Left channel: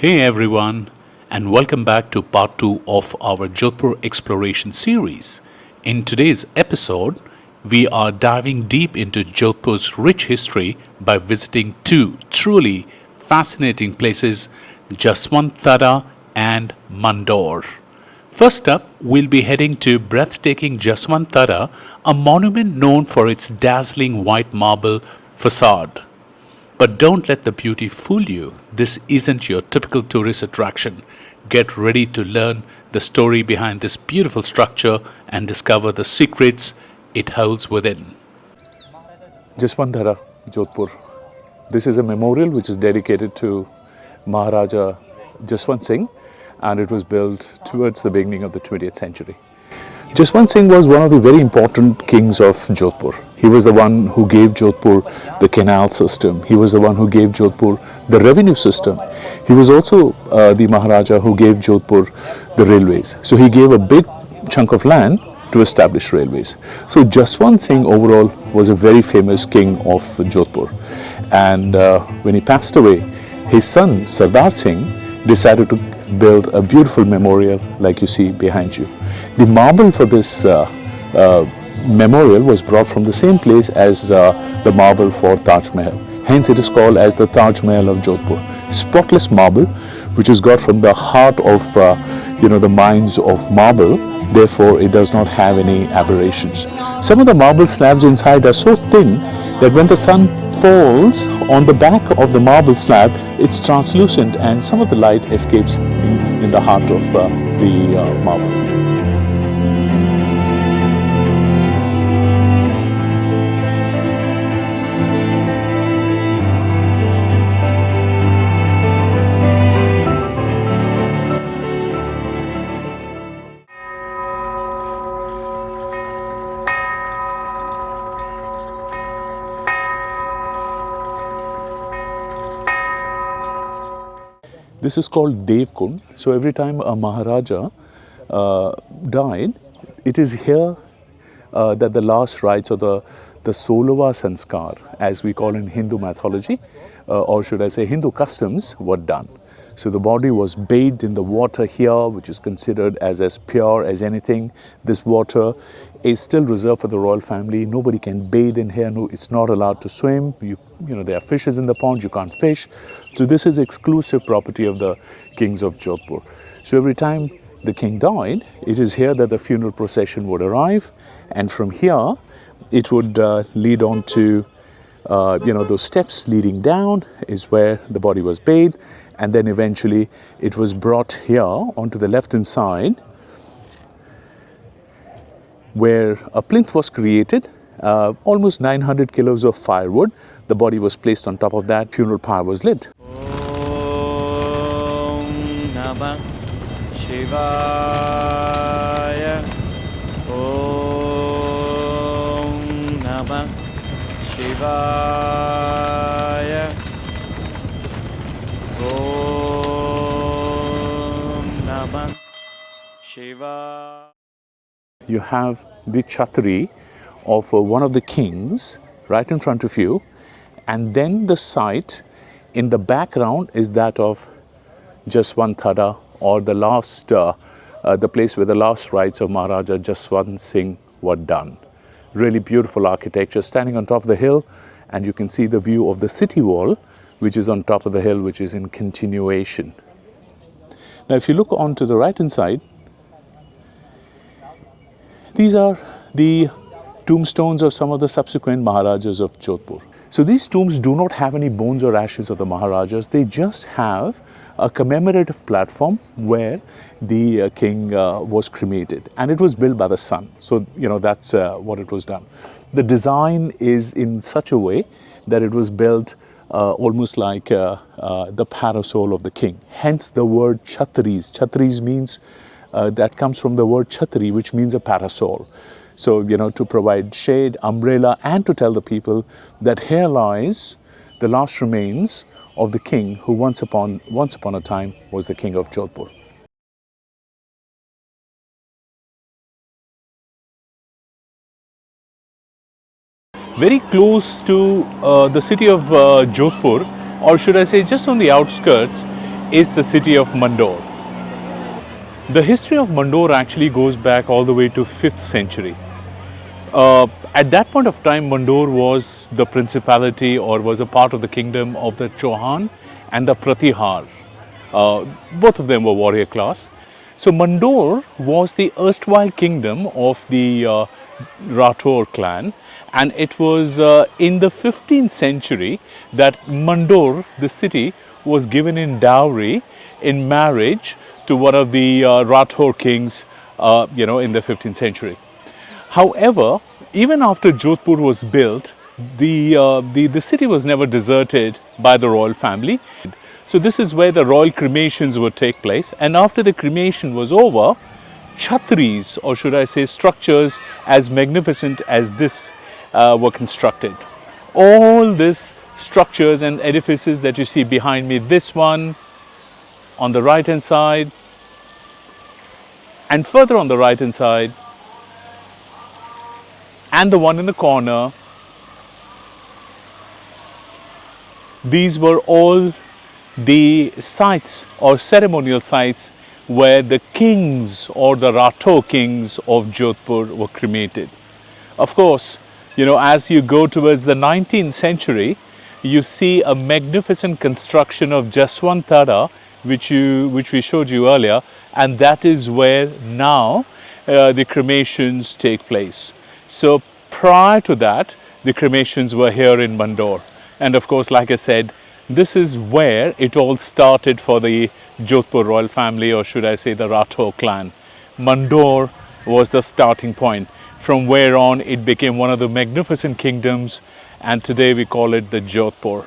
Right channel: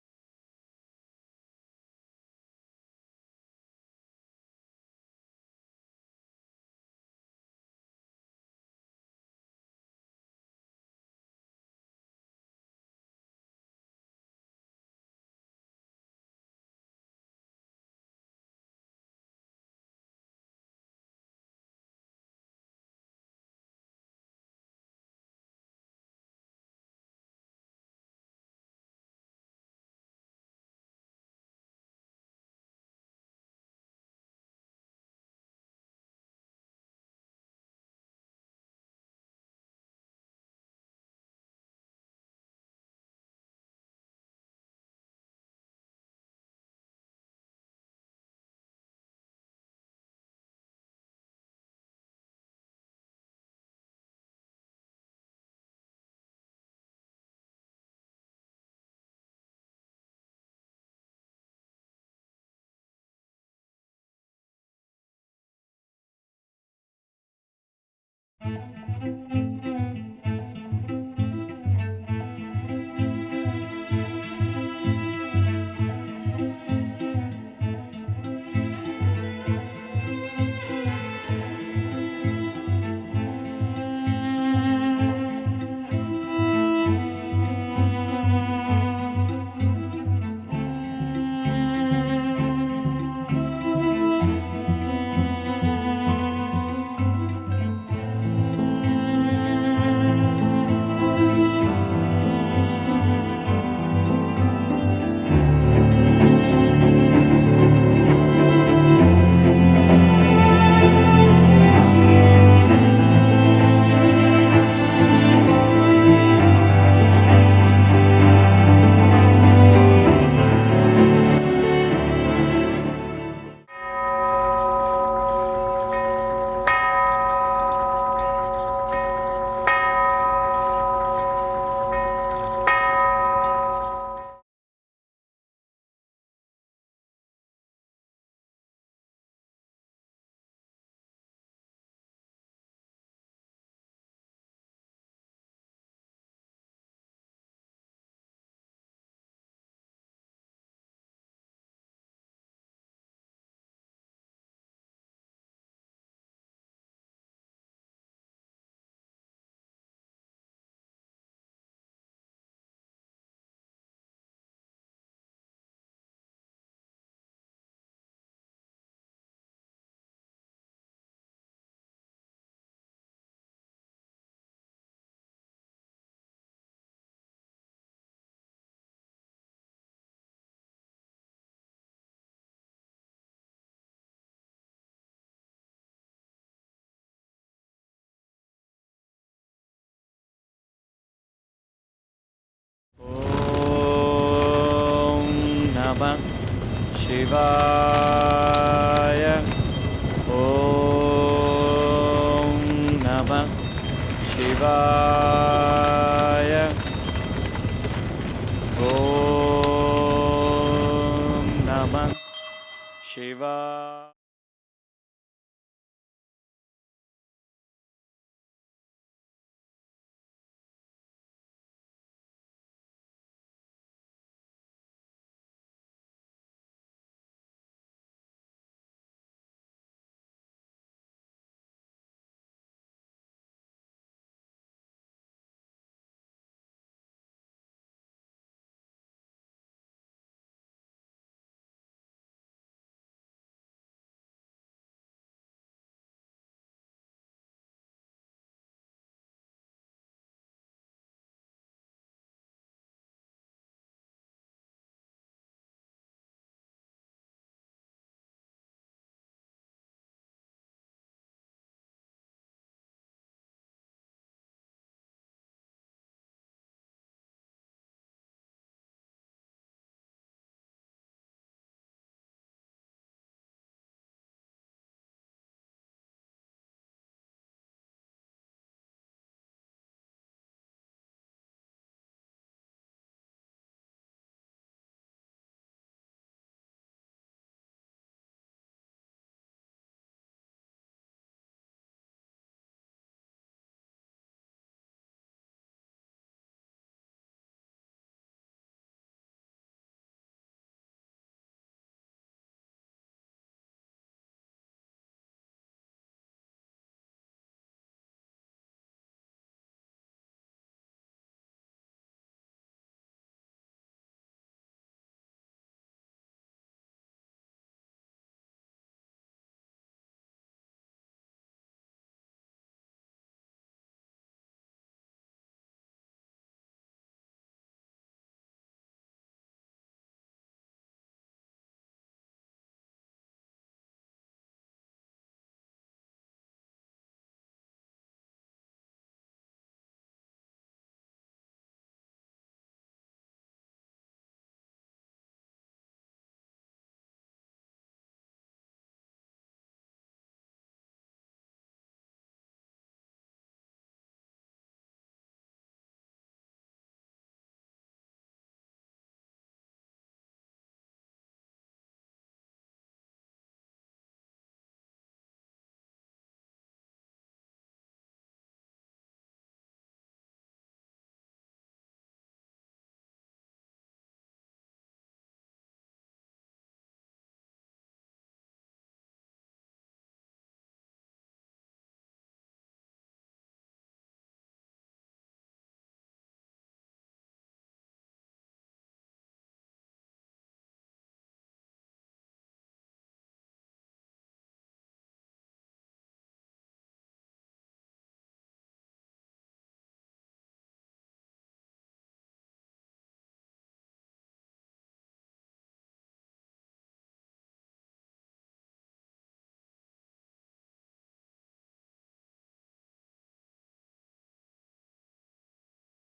Hey everyone, and welcome back to part 2 of our Jodhpur exploration series. In today's episode, we are diving deep into Jodhpur's rich history by visiting two truly fascinating places, Jaswant Thada and Mandore. First up, we'll be heading to breathtaking Jaswant Thada, a monument known for its dazzling white marble facade. But don't let the beauty fool you. This isn't your typical tourist attraction. Get ready to learn the story behind this beautiful structure and discover the secrets it holds within. Jaswant Thada, Jodhpur. This is a memorial which is dedicated to Maharaja Jaswant Singh, and it was built towards the beginning of the 20th century. Jaswant Singh was one of the very important kings of Jodhpur. He was the one who gave Jodhpur the canal system. He was the one who gave Jodhpur the revenue system. He was also the Maharaja who gave Jodhpur the railways. So he gave a big chunk of land to establish railways. So Jaswant Singh overall was a very famous king of Jodhpur. And when he passed away, his son Sardar Singh decided to build a beautiful memorial like you see behind you. The marble for this memorial was brought from the same place as the marble for Taj Mahal. Hence it is called as the Taj Mahal of Jodhpur. Spotless marble, which is got from the heart of the mines of marble. Therefore, it does not have any aberrations. Some of the marble slabs inside are so thin that when the sun falls on the back of the marble slab, it's translucent and some of the light escapes in the heart of the marble. This is called Dev Kund. So every time a Maharaja died, it is here that the last rites or the Solava Sanskar, as we call in Hindu mythology, or should I say Hindu customs, were done. So the body was bathed in the water here, which is considered as pure as anything. This water is still reserved for the royal family. Nobody can bathe in here. No, it's not allowed to swim. There are fishes in the pond. You can't fish. So this is exclusive property of the kings of Jodhpur. So every time the king died, it is here that the funeral procession would arrive, and from here it would lead on to those steps leading down is where the body was bathed, and then eventually it was brought here onto the left hand side where a plinth was created, almost 900 kilos of firewood. The body was placed on top of that, funeral pyre was lit. Om Namah Shivaya. Om Namah Shivaya. Om Namah Shivaya. You have the chhatri of one of the kings right in front of you, and then the site in the background is that of Jaswant Thada, or the place where the last rites of Maharaja Jaswant Singh were done. Really beautiful architecture, standing on top of the hill, and you can see the view of the city wall, which is on top of the hill, which is in continuation. Now, if you look onto the right hand side, these are the tombstones of some of the subsequent Maharajas of Jodhpur. So these tombs do not have any bones or ashes of the Maharajas. They just have a commemorative platform where the king was cremated, and it was built by the son. So that's what it was done. The design is in such a way that it was built almost like the parasol of the king. Hence the word Chhatris. Chhatris means that comes from the word Chhatri, which means a parasol. So, to provide shade, umbrella, and to tell the people that here lies the last remains of the king who once upon a time was the king of Jodhpur. Very close to the city of Jodhpur, or should I say just on the outskirts, is the city of Mandore. The history of Mandore actually goes back all the way to 5th century. At that point of time, Mandore was the principality or was a part of the kingdom of the Chauhan and the Pratihar. Both of them were warrior class. So Mandore was the erstwhile kingdom of the Rathore clan, and it was in the 15th century that Mandore, the city, was given in dowry in marriage to one of the Rathore kings, in the 15th century. However, even after Jodhpur was built, the city was never deserted by the royal family. So this is where the royal cremations would take place. And after the cremation was over, chhatris, or should I say structures as magnificent as this, were constructed. All these structures and edifices that you see behind me, this one on the right hand side, and further on the right hand side, and the one in the corner, these were all the sites or ceremonial sites where the kings or the Rathore kings of Jodhpur were cremated. Of course, as you go towards the 19th century, you see a magnificent construction of Jaswant Thada, which we showed you earlier, and that is where now the cremations take place. So prior to that, the cremations were here in Mandore. And of course, like I said, this is where it all started for the Jodhpur royal family, or should I say the Rathore clan. Mandore was the starting point. From where on, it became one of the magnificent kingdoms, and today we call it the Jodhpur.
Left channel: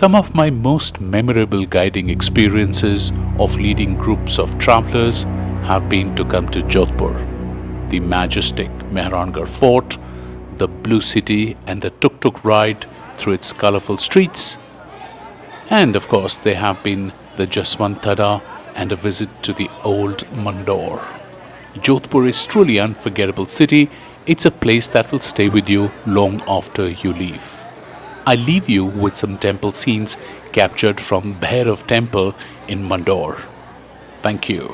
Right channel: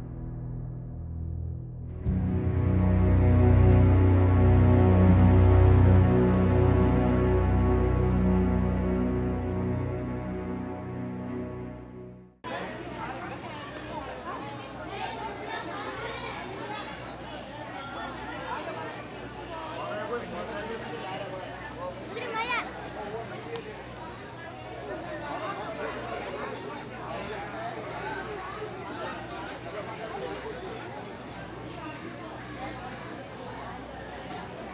Some of my most memorable guiding experiences of leading groups of travelers have been to come to Jodhpur, the majestic Mehrangarh Fort, the Blue City and the tuk-tuk ride through its colorful streets. And of course, they have been the Jaswant Thada and a visit to the old Mandore. Jodhpur is truly unforgettable city. It's a place that will stay with you long after you leave. I leave you with some temple scenes captured from Bhairav Temple in Mandore. Thank you.